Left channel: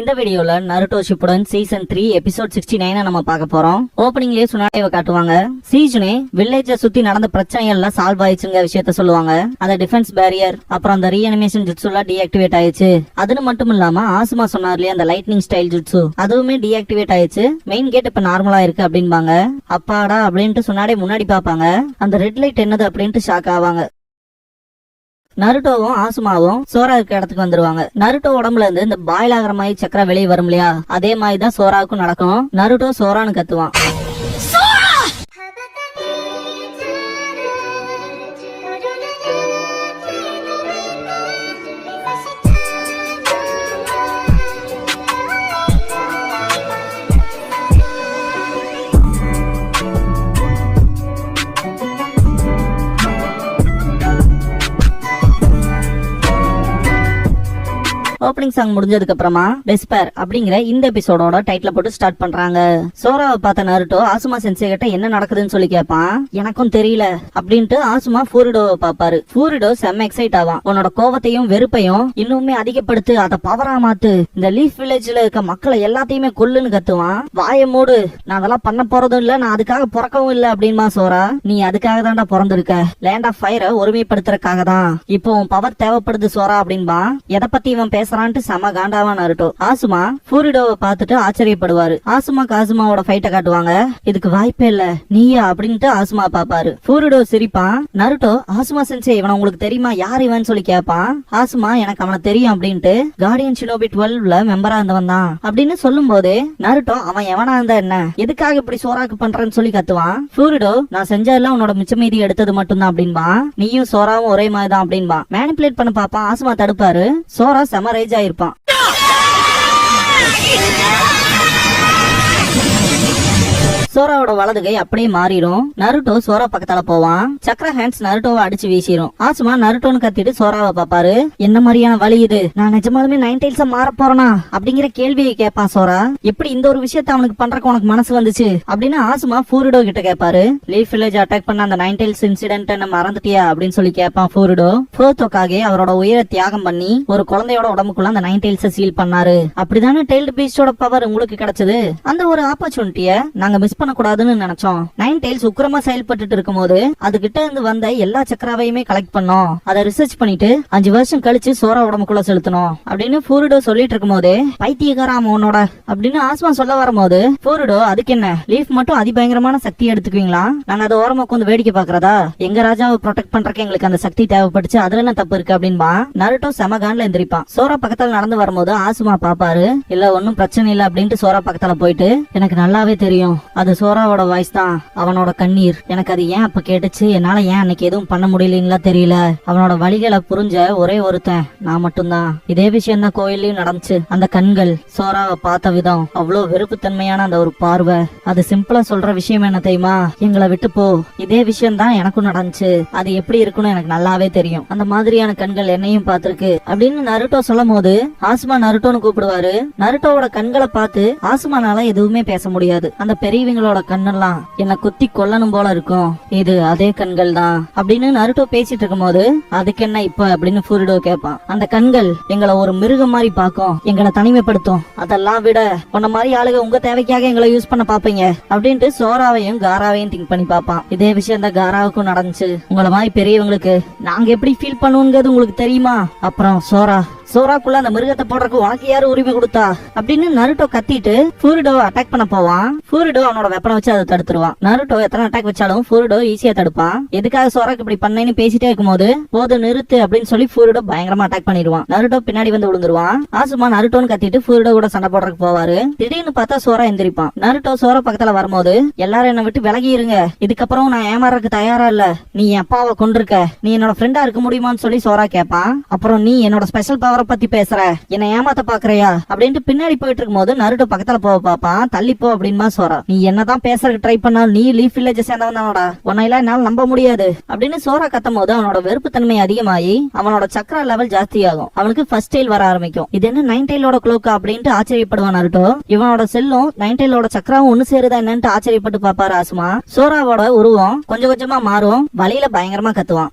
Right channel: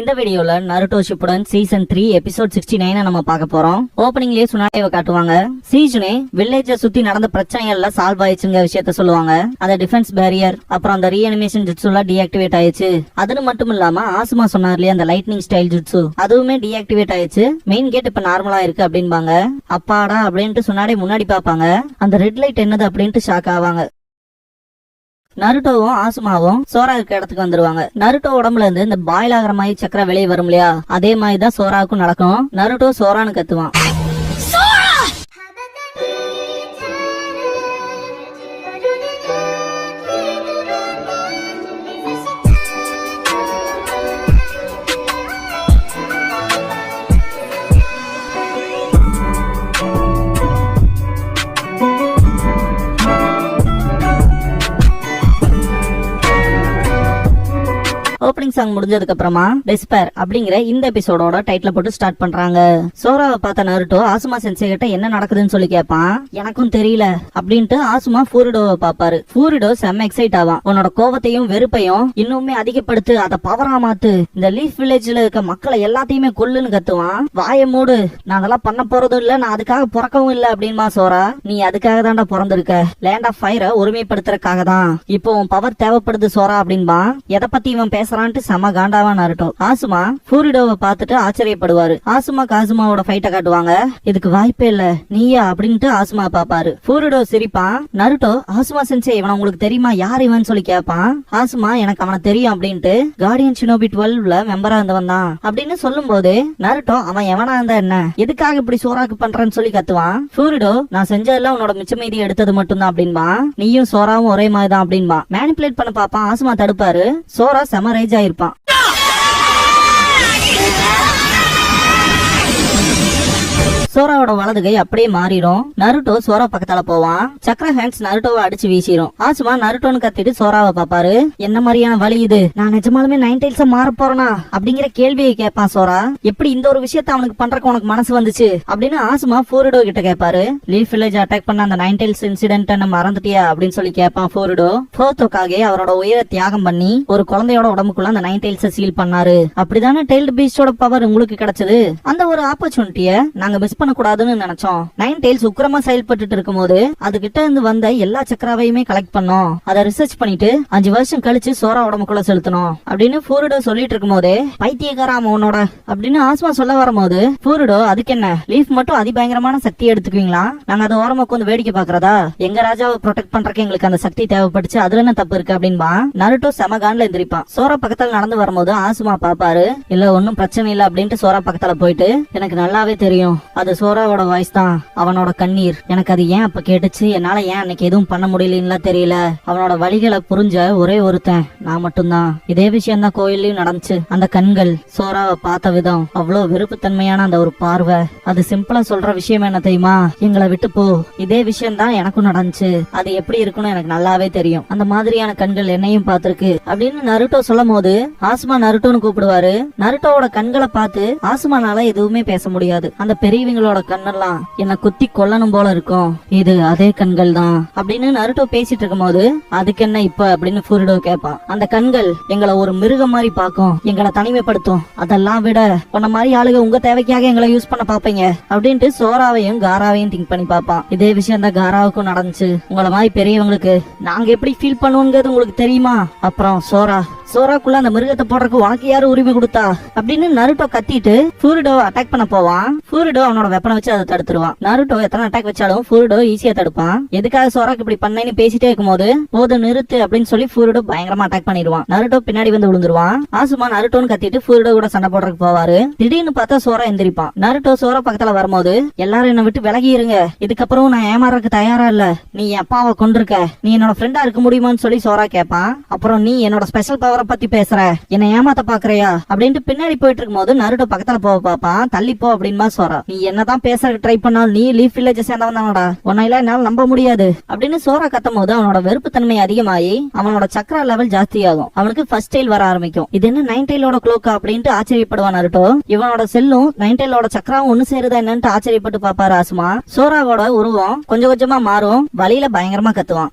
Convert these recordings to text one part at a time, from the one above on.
இந்த வீடியோல Naruto Shippuden season 3 episode 69 நம்ம பார்க்க போறோம். ஓபனிங்லயே சுனாடேவை காட்டுவாங்க. சீஜுனே வில்லேஜை சுத்தி நடந்த பிரச்சனைகள்ல சால்வ் ஆயிடுச்சுங்க விஷயத்த சொல்லுவாங்க. அந்த டிஃபென்ஸ் பேரியர் அப்புறம் அந்த ரீஅனிமேஷன் ஜுட்ஸுலாம் டீஆக்டிவேட் ஆயிடுச்சு. அதுன்னு மட்டும் இல்லாம ஆசுமா சொன்னார் இல்லையா அந்த லைட்னிங் ஸ்டைல் ஜுட்ஸு அதுவுமே டீஆக்டிவேட் ஆயிடுச்சு. மெயின் கேட் இப்ப நார்மலா இருக்கு அப்படின்பாங்க. அப்பாடா அப்படின்ட்டு சுனாடே முன்னாடி பாப்பாங்க. அந்த ரெட் லைட் என்னது அப்படின்ட்டு ஷாக் ஆவாங்க. நருட்டோவும் ஆசுமாவும் சோரா இருக்க இடத்துக்கு வந்துருவாங்க. நருட்டோ உடம்புல இருந்து இந்த பாயில் ஆகிற மாதிரி சக்கரை வெளியே வரும் இல்லையா, அதே மாதிரி தான் சோராவுக்கும் நடக்கும். நருட்டோ சோரான்னு கத்துவான். ஓப்பனிங் சாங் முடிஞ்சதுக்கு அப்புறமா டெஸ்பேர் அப்படிங்கிற இந்த எபிசோடோட டைட்டில் போட்டு ஸ்டார்ட் பண்றாங்க. சோராவை பார்த்த நருட்டோ ஆசுமா சென்சே கிட்ட என்ன நடக்குதுன்னு சொல்லி கேட்பான். எனக்கும் தெரியல அப்படின்ட்டு ஆசுமா ஃபூரிடோவை பாப்பாரு. ஃபூரிடோ செம்ம எக்ஸைட் ஆவான். உன்னோட கோவத்தையும் வெறுப்பையும் இன்னுமே அதிகப்படுத்து, அதை பவரா மாத்து, இந்த லீஃப் வில்லேஜ்ல இருக்க மக்களை எல்லாத்தையுமே கொல்லுன்னு கத்துவான். வாய மூடு, நான் அதெல்லாம் பண்ண போறதும் இல்ல, நான் அதுக்காக பிறக்கவும் இல்ல அப்படின்பா சோரா. நீ அதுக்காக தான்டா பிறந்திருக்க, லேண்ட் ஆஃப் ஃபயரை ஒருமைப்படுத்துறதுக்காக தான். இப்போ பவர் தேவைப்படுது சோரா அப்படின்பா. எதை பத்தி இவன் பேச செம காண்டாவா நருட்டோ. ஆசுமா ஃபூரிடோவை பார்த்துட்டு ஆச்சரியப்படுவாரு. ஆசுமா காசுமாவோட ஃபைட்ட காட்டுவாங்க. இதுக்கு வாய்ப்பே இல்ல, நீயா அப்படின்ட்டு ஆசுமா பாப்பாரு. ஃபூரிடோ சிரிப்பான். நருட்டோ ஆசுமா சென்சே இவன் உங்களுக்கு தெரியுமா, யார் இவன் சொல்லி கேட்பான். ஆசுமா எனக்கு அவனை தெரியும் அப்படின்ட்டு கார்டியன் ஷினோபி 12ல மெம்பரா இருந்தவன் தான் அப்படின்னு சொல்லும் போதே நருட்டோ அவன் எவனா இருந்தா என்ன, எதுக்காக இப்படி சோராக்கு பண்றான்னு சொல்லி கத்துவான். ஃபூரிடோ நான் செஞ்சதுல உன்னோட மிச்ச மீதி எடுத்தது மட்டும்தான் அப்படின்பா. நீயும் சோராவும் ஒரே மாதிரி தான் அப்படின்பா. மேனிபுலேட் பண்ண பாப்பான். ஆசுமா தடுப்பாரு. சோரா செம ரேஜ் ஆயிருப்பான். சோராவோட வலது கை அப்படியே மாறிடும். நருட்டோ சோரா பக்கத்தால போவான். சக்கர ஹேண்ட்ஸ் நருட்டோவை அடிச்சு வீசிடும். ஆசுமா நருட்டோன்னு கத்திட்டு சோராவை பாப்பாரு. என்ன மாதிரியான வழி இது, நான் நிஜமாலுமே 9 டைல்ஸா மாற போறனா அப்படிங்கிற கேள்வியை கேட்பான் சோரா. எப்படி இந்த ஒரு விஷயத்த அவனுக்கு பண்றக்கு உனக்கு மனசு வந்துச்சு அப்படின்னு ஆசுமா ஃபூரிடோ கிட்ட கேட்பாரு. லீஃப் வில்லேஜ் அட்டாக் பண்ண அந்த 9 டைல்ஸ் இன்சிடென்ட் மறந்துட்டியா அப்படின்னு சொல்லி கேட்பான் ஃபூரிடோ. ஃபோர்த்தோக்காக அவரோட உயிரை தியாகம் பண்ணி ஒரு குழந்தையோட உடம்புக்குள்ள அந்த 9 டைல்ஸ் சீல் பண்ணாரு. அப்படிதானே டைல்டு பீஸ்டோட பவர் உங்களுக்கு கிடைச்சது. அந்த ஒரு ஆப்பர்ச்சுனிட்டிய நாங்க மிஸ் பண்ண கூடாதுன்னு நினைச்சோம். 9 டைல்ஸ் உக்கிரமா செயல்பட்டு இருக்கும் போது அது கிட்ட இருந்து வந்த எல்லா சக்கராவையுமே கலெக்ட் பண்ணோம். அதை ரிசர்ச் பண்ணிட்டு 5 வருஷம் கழிச்சு சோரா உடம்புக்குள்ள செலுத்தணும் அப்படின்னு ஃபூரிடோ சொல்லிட்டு இருக்கும் போதே பைத்தியக்காராம உன்னோட அப்படின்னு ஆஸ்மா சொல்ல வரும்போது ஃபூரிடோ அதுக்கு என்ன, லீஃப் மட்டும் அதிபயங்கரமான சக்தி எடுத்துக்குவீங்களா, நாங்க அதை ஓரமா வந்து வேடிக்கை பாக்குறதா, எங்க ராஜாவை ப்ரொடெக்ட் பண்றதுக்கு எங்களுக்கு அந்த சக்தி தேவைப்படுச்சு, அதுல என்ன தப்பு இருக்கு அப்படின்பா. நருட்டோ செம கான்ல எந்திரிப்பான். சோரா பக்கத்துல நடந்து வரும்போது ஆசுமா பாப்பாரு. இல்ல ஒன்னும் பிரச்சனை இல்ல அப்படின்ட்டு சோரா பக்கத்துல போயிட்டு எனக்கு நல்லாவே தெரியும் அது சோராவோட வாய்ஸ் தான், அவனோட கண்ணீர், எனக்கு அது ஏன் அப்ப கேட்டுச்சு, என்னால ஏன் அன்னைக்கு எதுவும் பண்ண முடியல தெரியல, அவனோட வழிகளை புரிஞ்ச ஒரே ஒருத்தன் நான் மட்டும்தான். இதே விஷயம் தான் கோயிலையும் நடந்துச்சு. அந்த கண்கள், சோராவை பார்த்த விதம், அவ்வளவு வெறுப்புத்தன்மையான அந்த ஒரு பார்வை, அது சிம்பிளா சொல்ற விஷயம் என்ன தெரியுமா, எங்களை விட்டு போ, இதே விஷயம் தான் எனக்கும் நடந்துச்சு, அது எப்படி இருக்குன்னு எனக்கு நல்லாவே தெரியும், அந்த மாதிரியான கண்கள் என்னையும் பார்த்திருக்கு அப்படின்னு நருட்டோ சொல்லும் போது ஆசுமா நருட்டோன்னு கூப்பிடுவாரு. நருட்டோவோட கண்களை பார்த்து ஆசுமானால எதுவுமே பேச முடியாது. அந்த பெரியவங்களோட கண்ணெல்லாம் என்ன குத்தி கொல்லணும் போல இருக்கும், இது அதே கண்கள் தான் அப்படின்னு நருட்டோ பேசிட்டு இருக்கும் போது அதுக்கு என்ன இப்ப அப்படின்னு ஃபூரிடோ கேட்பான். அந்த கண்கள் எங்களை ஒரு மிருகம் மாதிரி பாக்கும், எங்களை தனிமைப்படுத்தும், அதெல்லாம் விட உன்ன மாதிரி ஆளுங்க உங்க தேவைக்காக எங்களை யூஸ் பண்ண பாப்பீங்க அப்படின்ட்டு சோராவையும் காராவையும் திங்க் பண்ணி பாப்பான். இதே விஷயம் தான் காராவுக்கும் நடந்துச்சு. உங்களை மாதிரி பெரியவங்களுக்கு நாங்க எப்படி ஃபீல் பண்ணுவோங்கிறது உங்களுக்கு தெரியுமா. அப்புறம் சோராக்குள்ள அந்த மிருகத்தை போடுறதுக்கு உனக்கு யாரு உரிமை கொடுத்தா அப்படின்னு நருட்டோ கத்திட்டு ஃபூரிடோ அட்டாக் பண்ண போவான். ஃபூரிடோ அவனோட வெப்பனை வச்சு அதை தடுத்துருவான். நருட்டோ எத்தனை அட்டாக் வச்சாலும் ஃபூரிடோ ஈஸியா தடுப்பான். எதுக்காக சோராக்கு இப்படி பண்ணேன்னு பேசிட்டே இருக்கும்போது போது நிறுத்து அப்படின்னு சொல்லி ஃபூரிடோ பயங்கரமா அட்டாக் பண்ணிடுவான். நருட்டோ பின்னாடி வந்து விழுந்துருவான். ஆசுமா நருட்டோன்னு கத்திட்டு ஃபூரிடோ கூட சண்டை போடுறதுக்கு போவாரு. திடீர்னு பார்த்தா சோரா எந்திரிப்பான். நருட்டோ சோரா பக்கத்துல வரும்போது எல்லாரும் என்ன விட்டு விலகி இருங்க, இதுக்கப்புறம் நான் ஏமாறதுக்கு தயாரா இல்ல, நீ என் அப்பாவை கொண்டிருக்க, நீ என்னோட ஃப்ரெண்டா இருக்க முடியுமான்னு சொல்லி சோரா கேட்பான். அப்புறம் நீ என்னோட ஸ்பெஷல் பவரை பத்தி பேசுற, என்ன ஏமாத்த பாக்குறியா அப்படின்ட்டு பின்னாடி போயிட்டு இருக்கும் போது நருட்டோ பக்கத்துல போக பாப்பான். தள்ளி போ அப்படின்மா சோரா. நீ என்னதான் பேசுறதுக்கு ட்ரை பண்ணாலும் நீ லீஃப் வில்லேஜ் சேர்ந்தவன் தானடா, உன்னையில என்னால நம்ப முடியாது அப்படின்னு சோரா கத்தும் போது அவனோட வெறுப்பு தன்மை அதிகமாகி அவனோட சக்கர லெவல் ஜாஸ்தியாகும். அவனுக்கு ஃபர்ஸ்ட் டைல் வர ஆரம்பிக்கும். இது என்ன 9 டைலோட க்ளோக்கா அப்படின்ட்டு ஆச்சரியப்படுவான் நருட்டோ. இவனோட செல்லும் 9 டைலோட சக்கராவும் ஒண்ணு சேருதா என்னன்னு ஆச்சரியப்பட்டு பாப்பாரு ஆசுமா. சோராவோட உருவம் கொஞ்சம் கொஞ்சமா மாறும். வழியில பயங்கரமா கத்துவான்.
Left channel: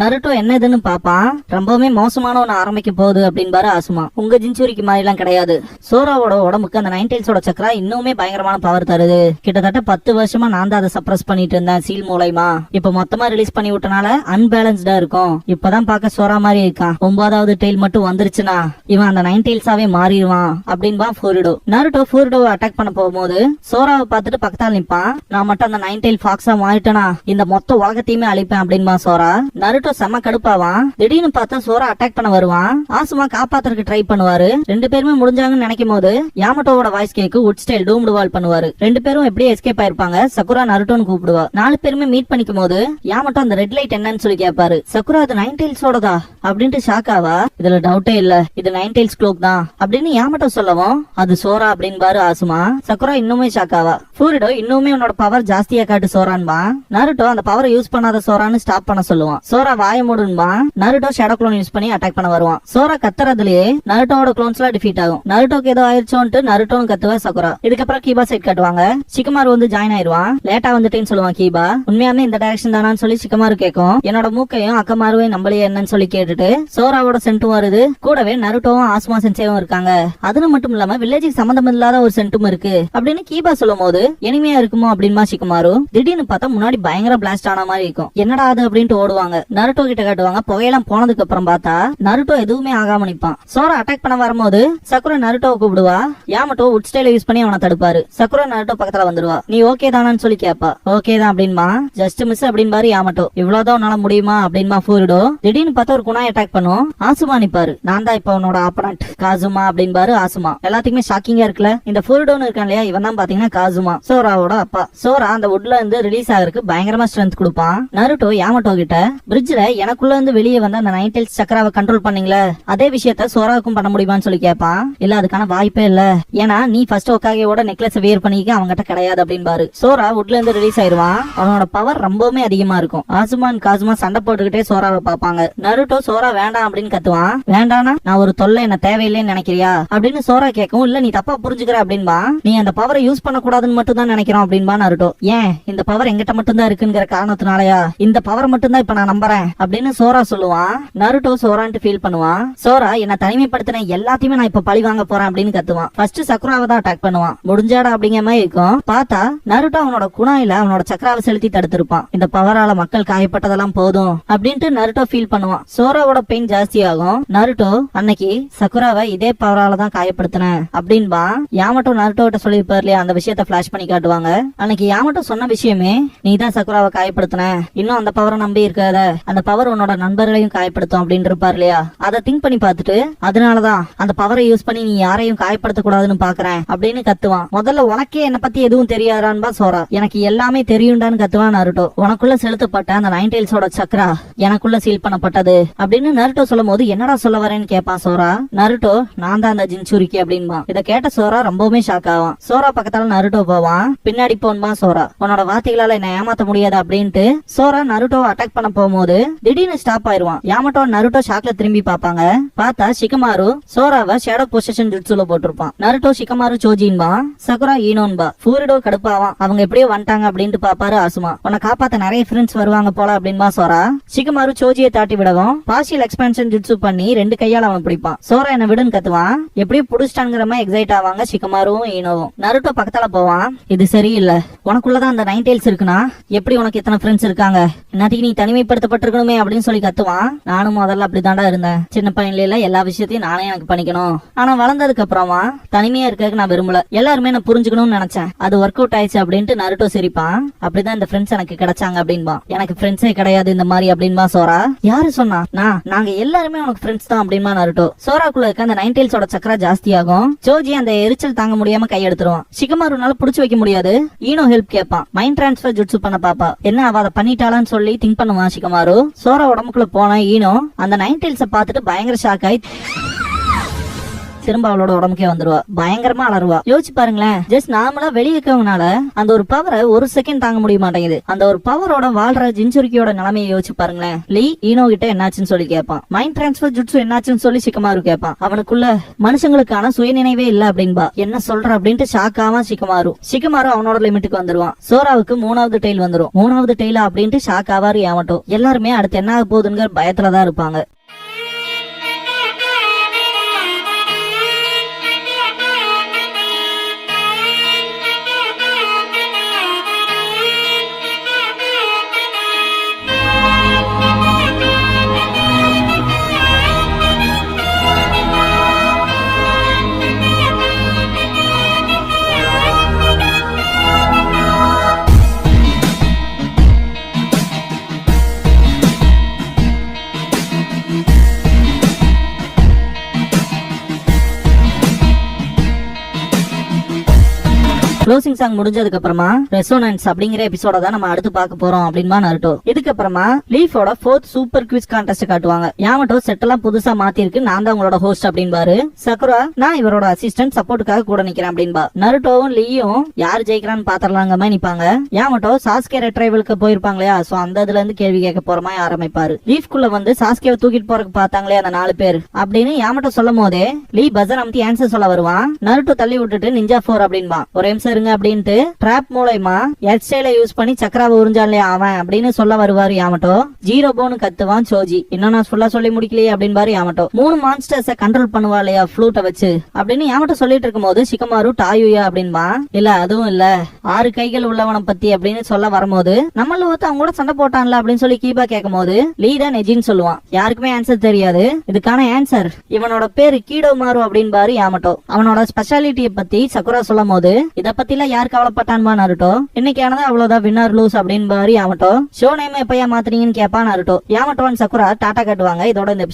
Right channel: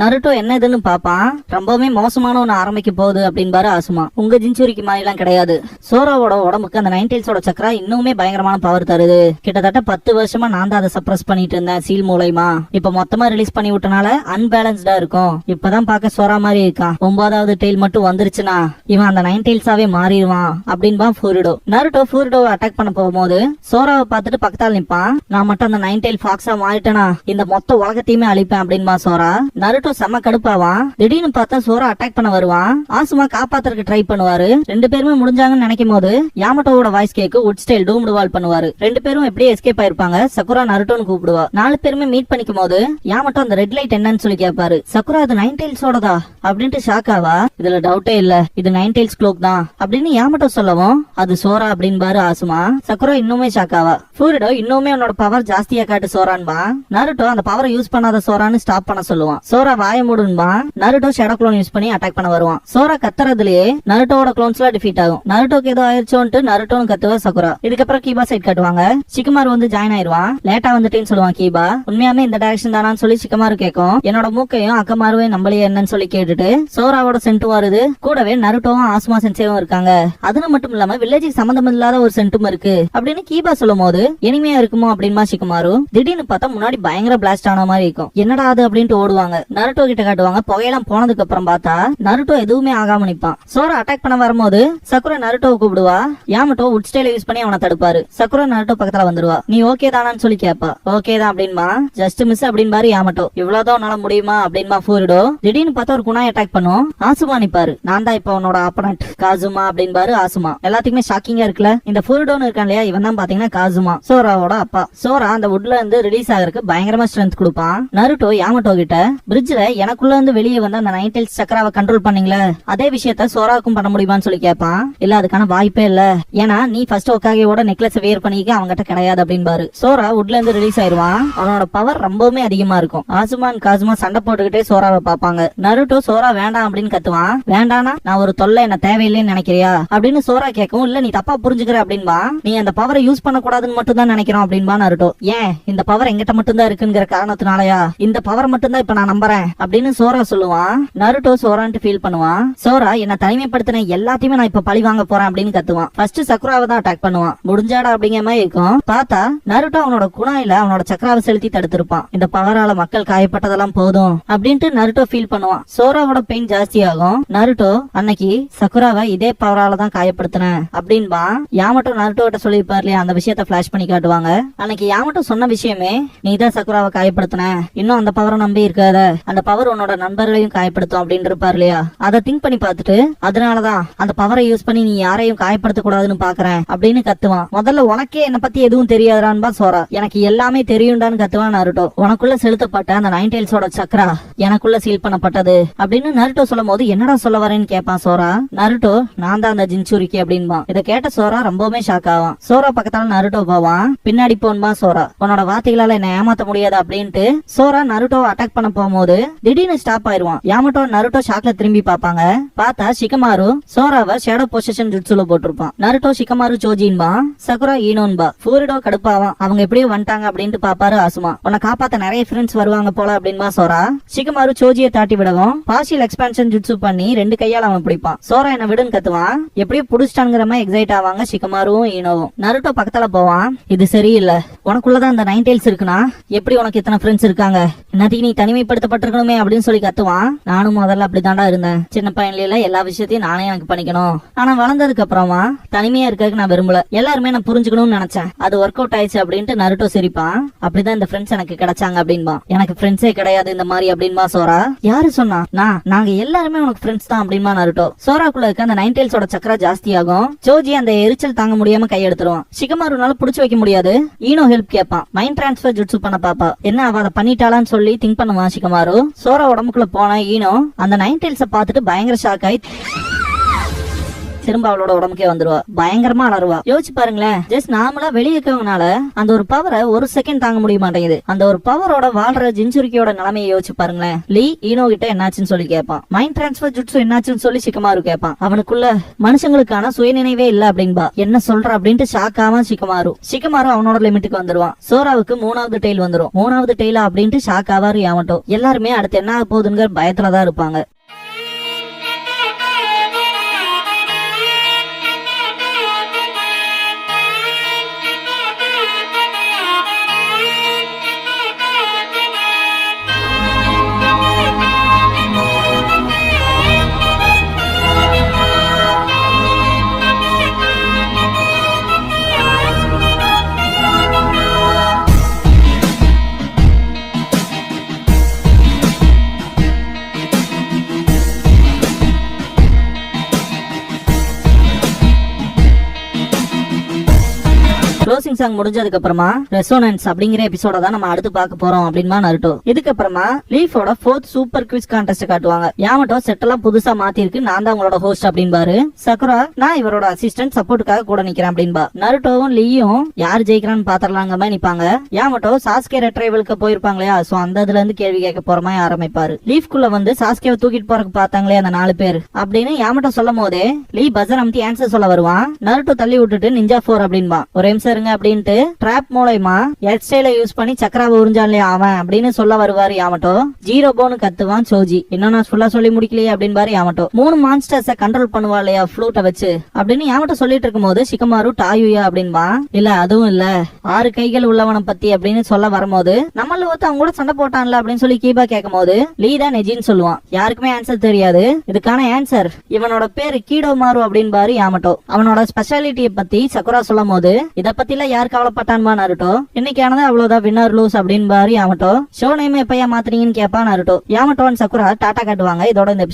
நருட்டோ என்ன இதுன்னு பாப்பான். ரொம்பவுமே மோசமான ஒண்ணு ஆரம்பிக்க போகுது அப்படின்பாரு ஆசுமா. உங்க ஜின்சூரிக்கு மாதிரி எல்லாம் கிடையாது. சோராவோட உடம்புக்கு அந்த 9 tails ஓட சக்கரா இன்னுமே பயங்கரமான பவர் தருது. கிட்டத்தட்ட 10 வருஷமா நான் தான் அதை சப்ரஸ் பண்ணிட்டு இருந்தேன் சீல் மூலமா. இப்ப மொத்தமா ரிலீஸ் பண்ணி விட்டனால அன்பேலன்ஸ்டா இருக்கும். இப்பதான் பாக்க சோரா மாதிரி இருக்கான். 9வது டெயில் மட்டும் வந்துருச்சுன்னா இவன் அந்த 9 tailsஆவே மாறிடுவான் அப்படின்பா ஃபூரிடோ. நருட்டோ ஃபூரிடோவை அட்டாக் பண்ண போகும்போது சோராவை பார்த்துட்டு பக்கத்தால் நிப்பான். நான் மட்டும் அந்த 9 tail ஃபாக்ஸா மாறிட்டேனா இந்த மொத்த உலகத்தையுமே அழிப்பேன் அப்படின்பா சோரா. நருட்டோ செம்ம கடுப்பாவான். திடீர்னு பார்த்தா சோரா அட்டாக் பண்ண வருவான். ஆசுமா காப்பாத்துறதுக்கு ட்ரை பண்ணுவாரு. 2 பேருமே முடிஞ்சாங்கன்னு நினைக்கும் போது யாமட்டோவோட வாய்ஸ் கேக்கு உட் ஸ்டைல் டூம்டு வால் பண்ணுவாரு. 2 பேரும் எப்படியே எஸ்கேப் ஆயிருப்பாங்க. சக்குரா நருட்டோன்னு கூப்பிடுவா. 4 பேருமே மீட் பண்ணிக்கும் போது யாமட்டோ அந்த ரெட் லைட் என்னன்னு சொல்லி கேட்பாரு. சக்குரா அது 9 tailsஓடதா அப்படின்ட்டு ஷாக் ஆவா. இதுல டவுட்டே இல்ல, இது 9 tails cloak தான் அப்படின்னு யாமட்டோ சொல்லவும் அது சோரா அப்படின்பாரு ஆசுமா. சக்குரா இன்னுமே ஷாக் ஆவா. ஃபூரிடோ இன்னுமே உன்னோட பவர் ஜாஸ்தியா காட்டு சோரான்பா. நருட்டோ அந்த பவரை யூஸ் பண்ணாத சோரான்னு ஸ்டாப் பண்ண சொல்லுவான். சோரா வாய் மூடுன்பா. நருட்டோ ஷேடோ க்ளோன் யூஸ் பண்ணி அட்டாக் பண்ண வருவான். சோரா கத்துறதுலயே நருட்டோட க்ளோன்ஸ் எல்லாம் டிஃபீட் ஆகும். நருட்டோக்கு ஏதோ ஆயிடுச்சோன்ட்டு நருட்டோன்னு கத்துவா சக்குரா. இதுக்கப்புறம் கீபா சைட் காட்டுவாங்க. சிக்கமாரு வந்து ஜாயின் ஆயிருவான். லேட்டா வந்துட்டேன்னு சொல்லுவான் கீபா. உண்மையாமே இந்த டைரக்ஷன் தானான்னு சொல்லி சிக்கமாரு கேட்கும். என்னோட மூக்கையும் அக்கமாருவையும் நம்மளையே என்னன்னு சொல்லி கேட்டுட்டு சோராவோட சென்ட்டும் வருது. கூடவே நருட்டோவும் ஆசுமா சென்சேவும் இருக்காங்க. அதுல மட்டும் இல்லாம வில்லேஜுக்கு சம்பந்தம் இல்லாத ஒரு சென்ட்டும் இருக்கு அப்படின்னு கீபா சொல்லும் போது எனிமையா இருக்குமோ அப்படின்மா சிக்கமாரு. திடீர்னு பார்த்தா முன்னாடி பயங்கர பிளாஸ்ட் ஆன மாதிரி இருக்கும். என்னடா அது அப்படின்ட்டு ஓடுவாங்க. நருட்டோ கிட்ட காட்டுவாங்க. புகையெல்லாம் போனதுக்கு அப்புறம் பார்த்தா நருட்டோ எதுவுமே ஆகாம நிப்பான். சோரா அட்டாக் பண்ண வரும்போது சக்குரா நருட்டோவை கூப்பிடுவா. யாமட்டோ உட் ஸ்டைல யூஸ் பண்ணி அவனை தடுப்பாரு. சக்குரா நருட்டோ பக்கத்துல வந்துருவா. நீ ஓகே தானான்னு சொல்லி கேப்பா. ஓகே தான் அப்படின்பா. ஜஸ்ட் மிஸ் அப்படின்பாரு யாமட்டோ. இவ்வளவுதான் உன்னால முடியுமா அப்படின்பா ஃபூரிடோ. திடீர்னு பார்த்தா ஒரு குணாய் அட்டாக் பண்ணும். ஆசுமா நிப்பாரு. நான் தான் இப்ப அவனோட ஆப்பனட் காசுமா அப்படின்பாரு ஆசுமா. எல்லாத்துக்குமே ஷாக்கிங்கா இருக்குல்ல. இந்த ஃபூரிடோன்னு இருக்கான் இல்லையா, இவன் தான் பாத்தீங்கன்னா காசுமா, சோராவோட அப்பா. சோரா அந்த வுட்ல இருந்து ரிலீஸ் ஆகிறதுக்கு பயங்கரமா ஸ்ட்ரென்த் கொடுப்பான். நருட்டோ யாமட்டோ கிட்ட பிரிட்ஜ்ல எனக்குள்ள இருந்து வெளியே வந்து அந்த 9 tails சக்கராவை கண்ட்ரோல் பண்ணீங்களே அதே விஷயத்த சோராவுக்கும் பண்ண முடியுமான்னு சொல்லி கேட்பான். இல்ல அதுக்கான வாய்ப்பே இல்ல, ஏன்னா நீ ஃபர்ஸ்ட் ஒக்காகேவோட நெக்லஸ் வேர் பண்ணிக்க அவங்ககிட்ட கிடையாது அப்படின்பாரு. சோரா வுட்ல இருந்து ரிலீஸ் ஆயிருவான். அவனோட பவர் ரொம்பவுமே அதிகமா இருக்கும். ஆசுமான் காசுமா சண்டை போட்டுக்கிட்டே சோராவை பாப்பாங்க. நருட்டோ சோரா வேண்டாம் அப்படின்னு கத்துவான். வேண்டானா நான் ஒரு தொல்லை என்ன தேவையில்லைன்னு நினைக்கிறியா அப்படின்னு சோரா கேட்கும். இல்ல நீ தப்பா புரிஞ்சுக்கிற அப்படின்பா. நீ அந்த பவரை யூஸ் பண்ண கூடாதுன்னு மட்டும் தான் நினைக்கிறோம் அப்படின்பா நருட்டோ. ஏன் இந்த பவர் எங்கிட்ட மட்டும் தான் இருக்குங்கிற காரணத்தினாலயா? இந்த பவர் மட்டும் தான் இப்ப நான் நம்புறேன் அப்படின்னு சோரா சொல்லுவான். நருட்டோ சோரான்ட்டு ஃபீல் பண்ணுவான். சோரா என்ன தனிமைப்படுத்தின எல்லாத்தையுமே நான் இப்ப பழி வாங்க போறேன் அப்படின்னு கத்துவான். ஃபர்ஸ்ட் சக்குராவை தான் அட்டாக் பண்ணுவான். முடிஞ்சாடா அப்படிங்கிற மாதிரி இருக்கும். பார்த்தா நருட்டோ அவனோட குணாயில அவனோட சக்கராவை செலுத்தி தடுத்திருப்பான். இந்த பவரால மக்கள் காயப்பட்டதெல்லாம் போதும் அப்படின்ட்டு நருட்டோ ஃபீல் பண்ணுவான். சோராவோட பெயின் ஜாஸ்தி ஆகும். நருட்டோ அன்னைக்கு சக்குராவை இதே பவரால தான் காயப்படுத்தினேன் அப்படின்பா. யாமட்டோ நருட்டோ கிட்ட சொல்லிருப்பாரு இல்லையா, அந்த விஷயத்த பிளாஷ் பண்ணி காட்டுவாங்க. அன்னைக்கு யாமட்டோ சொன்ன விஷயமே நீதான் சக்குராவை காயப்படுத்தின, இன்னும் அந்த பவரை நம்பி இருக்காத, அந்த பவர் உன்னோட நண்பர்களையும் காயப்படுத்தும் அப்படின்னு இருப்பாரு இல்லையா. அதை திங்க் பண்ணி பார்த்துட்டு அதனாலதான் அந்த பவரை யூஸ் பண்ணி நீ யாரையும் காயப்படுத்த கூடாதுன்னு பாக்குறேன் அப்படின்னு கத்துவான். முதல்ல உனக்கே என்ன பத்தி எதுவும் தெரியாதான்பா சோரா. எனக்கு எல்லாமே தெரியும்டான்னு கத்துவான் நருட்டோ. உனக்குள்ள செலுத்தப்பட்ட அந்த 9 tailsஓட சக்கரா எனக்குள்ள சீல் பண்ணப்பட்டது அப்படின்னு நருட்டோ சொல்லும் போது என்னடா சொல்ல வரேன்னு கேட்பான் சோரா. நருட்டோ நான் தான் அந்த ஜின்சூரிக்கு அப்படின்பா. இதை கேட்ட சோரா ரொம்பவுமே ஷாக் ஆவான். சோரா பக்கத்தால நருட்டோ போவான். பின்னாடி போன்பா சோரா. உன்னோட வார்த்தைகளால என்ன ஏமாத்த முடியாது அப்படின்ட்டு சோரா நருட்டோவை அட்டாக் பண்ண போகும்போது திடீர்னு ஸ்டாப் ஆயிருவான். யாமட்டோ நருட்டோ ஷாக்ல திரும்பி பாப்பாங்க. பார்த்தா ஷிகமாரு சோராவை ஷேடோ பொசிஷன் ஜுட்சுல போட்டிருப்பான். நருட்டோ ஷிகமாரு சோஜின்பா. சகுரா ஈனோன்பா. ஃபூரிடோ கடுப்பாவான். அவங்க எப்படியோ வந்துட்டாங்க அப்படின்ட்டு பாப்பாரு ஆசுமா. உன்னை காப்பாத்த நிறைய ஃப்ரெண்ட்ஸ் வருவாங்க போல அப்படின்பா சோரா. ஷிகமாரு சோஜியை தாட்டி விடவும் பார்ஷியல் எக்ஸ்பான்ஷன் ஜுட்சு பண்ணி 2 கையால அவன் பிடிப்பான். சோரா என்ன விடுன்னு கத்துவான். எப்படியோ புடிச்சிட்டாங்கிற மாதிரி எக்ஸைட் ஆவாங்க ஷிகமாருவும் ஈனோவும். நருட்டோ பக்கத்தால போவான். இது சரியில்லை, உனக்குள்ளதான் அந்த 9 tails இருக்குன்னா எப்படி உனக்கு இத்தனை ஃப்ரெண்ட்ஸ் இருக்காங்க, என்னத்துக்கு நீ தனிமைப்படுத்தப்பட்டிருக்கணுமே அப்படின்னு சொல்லி கத்துவான். நானும் முதல்ல அப்படிதான்டா இருந்தேன். சின்ன பையன்ல எல்லா விஷயத்தையும் நானே எனக்கு பண்ணிக்கணும். ஆனா வளர்ந்ததுக்கு அப்புறமா தனிமையா இருக்கிறதுக்கு நான் விரும்பல. எல்லாருமே நான் புரிஞ்சுக்கணும்னு நினைச்சேன். அது ஒர்க் அவுட் ஆயிடுச்சு அப்படின்ட்டு நருட்டோ சிரிப்பான். அப்படிதான் இந்த ஃப்ரெண்ட்ஸ் எனக்கு கிடைச்சாங்க அப்படின்பா. எனக்கு ஃப்ரெண்ட்ஸே கிடையாது இந்த மாதிரி அப்படின்பா சோரா. யாரு சொன்னா? நாங்க எல்லாருமே உனக்கு ஃப்ரெண்ட்ஸ் தான் அப்படின்பா நருட்டோ. சோராக்குள்ள இருக்க அந்த 9 tailsஓட சக்கரா ஜாஸ்தி ஆகும். ஜோஜி அந்த எரிச்சல் தாங்க முடியாம கை எடுத்துருவான். ஷிகமாருனால புடிச்சு வைக்க முடியாது. ஈனோ ஹெல்ப் கேட்பான். மைண்ட் டிரான்ஸ்பர் ஜுட்சு பண்ண பாப்பா. என்ன அவ அதை பண்ணிட்டாளான்னு சொல்லி திங்க் பண்ணுவான் ஷிகமாரு. சோரா உடம்புக்குள்ள போன ஈனோ அந்த 9 tailsஐ பார்த்துட்டு பயங்கர ஷாக் ஆயி திரும்ப அவளோட உடம்புக்கே வந்துருவா. பயங்கரமா அலறுவா. யோசிச்சு பாருங்களேன், ஜஸ்ட் நார்மலா வெளியே இருக்கவனால அந்த ஒரு பவரை ஒரு செகண்ட் தாங்க முடிய மாட்டேங்குது. அந்த ஒரு பவரோட வாழ்ற ஜின்சுரிக்கியோட நிலைமையை யோசிச்சு பாருங்களேன். லீ ஈனோ கிட்ட என்னாச்சுன்னு சொல்லி கேட்பான். மைண்ட் டிரான்ஸ்பர் ஜுட்சு என்னாச்சுன்னு சொல்லி சிக்கமாரு கேட்பான். அவனுக்குள்ள மனுஷங்களுக்கான சுயநினைவே இல்ல அப்படின்பா. என்ன சொல்ற அப்படின்ட்டு ஷாக் ஆவான் சிக்கமாரு அவனோட லிமிட்டுக்கு வந்துருவான். சோராவுக்கு 3வது டெய்ல் வந்துரும். 3வது டெய்லா அப்படின்ட்டு ஷாக் ஆவாரு யாமட்டோ. எல்லாருமே அடுத்து என்ன ஆக போகுதுங்கிற பயத்துலதான் இருப்பாங்க. க்ளோசிங் சாங் முடிஞ்சதுக்கு அப்புறமா ரெசோனன்ஸ் அப்படிங்கிற எபிசோட தான் நம்ம அடுத்து பார்க்க போறோம் அப்படின்பா நருட்டோ. இதுக்கப்புறமா லீஃபோட 4th சூப்பர் குவிஸ் கான்டெஸ்ட் காட்டுவாங்க. யாமட்டோ செட்டெல்லாம் புதுசா மாத்தி இருக்கு, நான் தான் உங்களோட ஹோஸ்ட் அப்படின்பாரு. சக்குரா நான் இவரோட அசிஸ்டன்ட் சப்போர்ட்டுக்காக கூட நிக்கிறேன் அப்படின்பா. நருட்டோவும் லீயும் யார் ஜெயிக்கிறான்னு பாத்திரலாங்க நிப்பாங்க. யாமட்டோ சாஸ்கே ரெட்ரைவலுக்கு போயிருப்பாங்க இல்லையா, சோ அந்த இதுல இருந்து கேள்வி கேட்க போற மாதிரி ஆரம்பிப்பாரு. லீஃப்குள்ள வந்து சாஸ்கேவை தூக்கிட்டு போறதுக்கு பார்த்தாங்களே அந்த 4 பேர் அப்படின்னு யாமட்டோ சொல்லும் போதே லீ பஜர் அமுத்தி ஆன்சர் சொல்ல வருவான். நருட்டோ தள்ளி விட்டுட்டு நிஞ்சா 4 அப்படின்பா. ஒரு நிமிஷம் அப்படின்ட்டு டிராப் மூலமா ஹெட் ஸ்டைல யூஸ் பண்ணி சக்கராவை உறிஞ்சாலே அவன் அப்படின்னு சொல்ல வருவாரு யாமட்டோ. ஜீரோ போன்னு கத்துவான் சோஜி. இன்னும் நான் ஃபுல்லா சொல்லி முடிக்கலையே அப்படின்பாரு யாமட்டோ. 3 மான்ஸ்டர்ஸ கண்ட்ரோல் பண்ணுவா இல்லையா ஃப்ளூட்டை வச்சு அப்படின்னு யாமட்டோ சொல்லிட்டு இருக்கும் போது சிக்கமாரு டாயுயா அப்படின்பா. இல்ல அதுவும் இல்ல 6 கைகள் உள்ளவனை பத்தி அப்படின்னு சொல்ல வரும்போது நம்மள ஒருத்த அவங்க கூட சண்டை போட்டான்ல அப்படின்னு சொல்லி கீபா கேட்கும் போது லீ தான் நெஜின்னு சொல்லுவான். யாருக்குமே ஆன்சர் தெரியாது. இதுக்கான ஆன்சர் இவனோட பேரு கீடோ மாறு அப்படின்பாரு யாமட்டோ. அவனோட ஸ்பெஷாலிட்டியை பத்தி சக்குரா சொல்லும் போது இத பத்தி யார் கவலைப்பட்டான்பா நருட்டோ. இன்னைக்கானது அவ்வளவுதான் வின்னர் லூஸ் அப்படின்னு பாரு யாமட்டோ. ஷோ நேம் எப்பயா மாத்துறீங்கன்னு கேப்பா Naruto. Yamato and Sakura Tata காட்டுவாங்க. இதோட இந்த